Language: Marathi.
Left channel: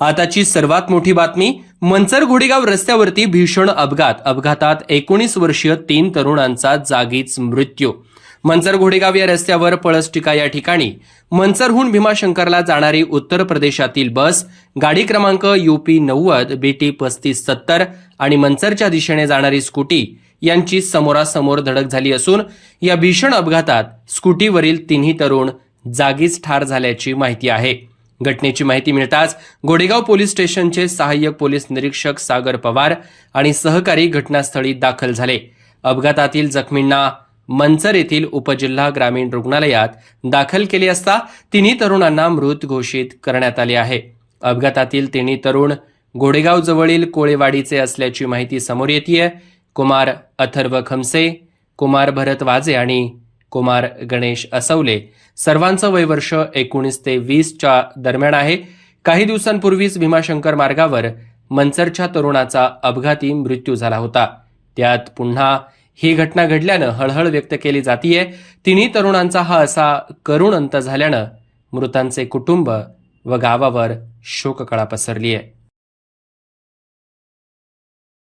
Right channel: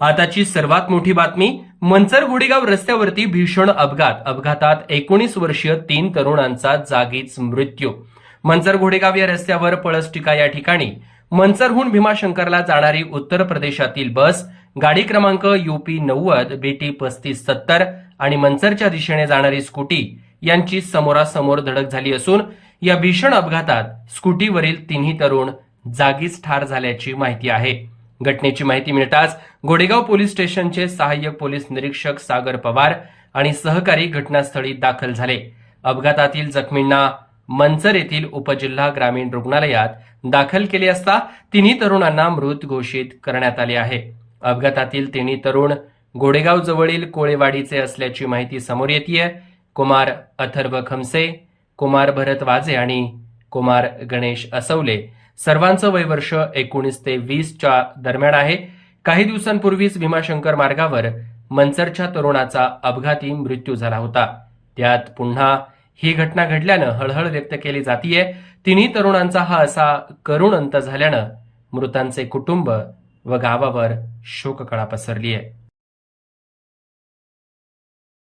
आताची सर्वात मोठी बातमी मंचर घोडेगाव रस्त्यावरती भीषण अपघात. अपघातात एकोणीस वर्षीय तीन तरुणांचा जागीच मृत्यू. मंचर घोडेगाव या रस्त्यावर पळसटिका या ठिकाणी. मंचरहून भीमाशंकरला जाणारी उत्तर प्रदेशातील बस गाडी क्रमांक युपी नव्वद बीटी पस्तीस सत्तर आणि मंचरच्या दिशेने जाणारी स्कूटी यांची समोरासमोर धडक झाली असून या भीषण अपघातात स्कूटीवरील तिन्ही तरुण जागीच ठार झाल्याची माहिती आहे. घटनेची माहिती मिळताच गोडेगाव पोलीस स्टेशनचे सहाय्यक पोलीस निरीक्षक सागर पवार आणि सहकारी घटनास्थळी दाखल झाले. अपघातातील जखमींना मंचर येथील उपजिल्हा ग्रामीण रुग्णालयात दाखल केले असता तिन्ही तरुणांना मृत घोषित करण्यात आले आहे. अपघातातील तिन्ही तरुण गोडेगाव जवळील कोळेवाडीचे असल्याची माहिती समोर येते कुमार अथर्व खमसे कुमार भरत वाजे आणि कुमार गणेश असवले. सर्वांचं वय वर्ष एकोणीस ते वीसच्या दरम्यान आहे. काही दिवसांपूर्वीच भीमाशंकर मार्गावर मंचरच्या तरुणाचा अपघाती मृत्यू झाला होता. त्यात पुन्हा ही घटना घडल्यानं हळहळ व्यक्त केली जातीये. तिन्ही तरुणांचा हा असा करुण अंत झाल्यानं मृतांचे कुटुंब व गावावर शोककळा पसरली आहे